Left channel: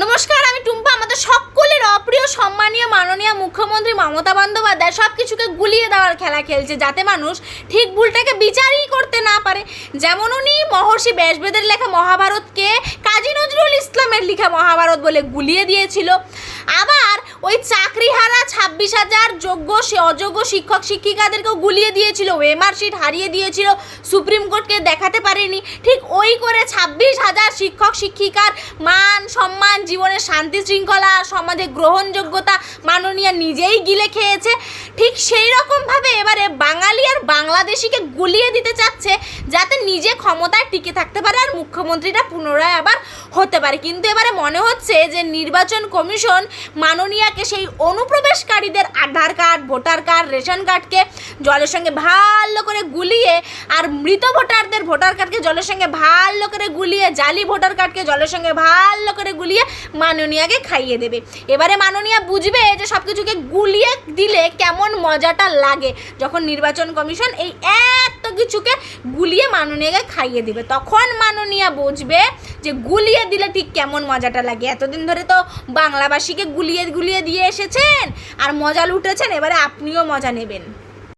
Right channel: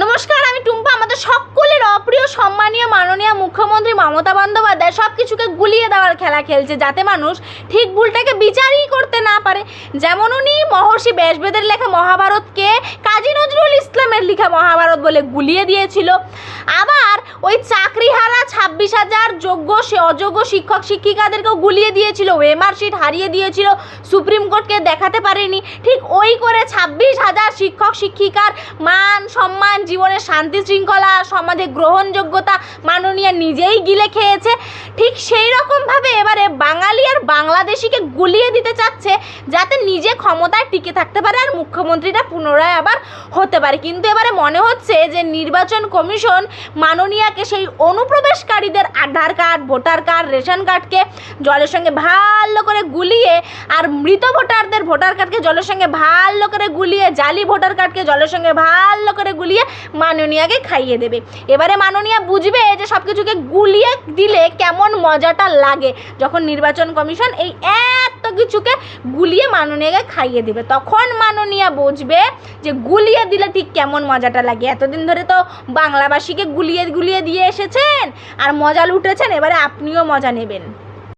নমস্কার, আমি টুম্পা। আমাদের সকলের অপ্রিয়, সম্মানীয়, মাননীয় মুখ্যমন্ত্রী মমতা বন্দ্যোপাধ্যায় সব কিছুকে গুলিয়ে দেওয়ার খেলা খেলছে যাতে মানুষ ঠিক ভুলটাকে বিচারই করতে না পারে। যেমন উনি মহর্ষি ব্যাসবেদের লেখা মহাভারতকে কাজী নজরুল ইসলামের লেখা মহাভারত বলে গুলিয়ে দিয়েছিল। আবার ওই চাকরিহারা ছাব্বিশ হাজার যোগ্য সে অযোগ্য শিক্ষক শিক্ষিকাদেরকেও গুলিয়ে দিয়েছিল ওএমআর শিট হারিয়ে দিয়েছিল সুপ্রিম কোর্টকে দেখাতে পারেনি। ঠিক ওই করে ছাব্বিশ হাজার শিক্ষক শিক্ষিকার মান সম্মান, জীবনের শান্তি শৃঙ্খলা সমাজে গ্রহণযোগ্যতা মাননীয় নিজেই গিলে খেয়েছে। ঠিক সেই রকমভাবে এবারে বাঙালি আর বাংলাদেশিকে গুলিয়ে দিতে চাচ্ছে, যাতে নিজে ক্ষমতায় টিকে থাকতে পারে। আর মুখ্যমন্ত্রীরা পুনরায় আবার হতে পারে। কিন্তু এবারে মনে হচ্ছে যে নির্বাচন কমিশন মাননীয়াকে সেই অনুপ্রবেশকারীদের Aadhaar card, voter card, ration কার্ডকে জলের সঙ্গে ভালো করে গুলিয়ে আর মৃত ভোটারদের ভোটার কার্ডকে জলের সঙ্গে ভালো করে গুলিয়ে, জালি ভোটার কার্ডকে জলের সঙ্গে ভালো করে গুলিয়ে মাননীয়াকে খাইয়ে দেবে। এবারে মাননীয়া বুঝবে যে সব কিছুকে গুলিয়ে দিলে কেমন মজাটা লাগে। যখন নির্বাচন কমিশন এই এত কিছুকে গুলিয়ে মাননীয়াকে খাইয়ে দেবে, তখন মাননীয়া বুঝবে যে গুলিয়ে দিলে ঠিক কেমন মজাটা লাগে? এতদিন ধরে তো বাংলাভাষীকে গুলিয়ে গুলিয়ে দিয়ে এসেছেন, আর মজা লুটেছেন, এবারে আপনিও মজা নেবেন।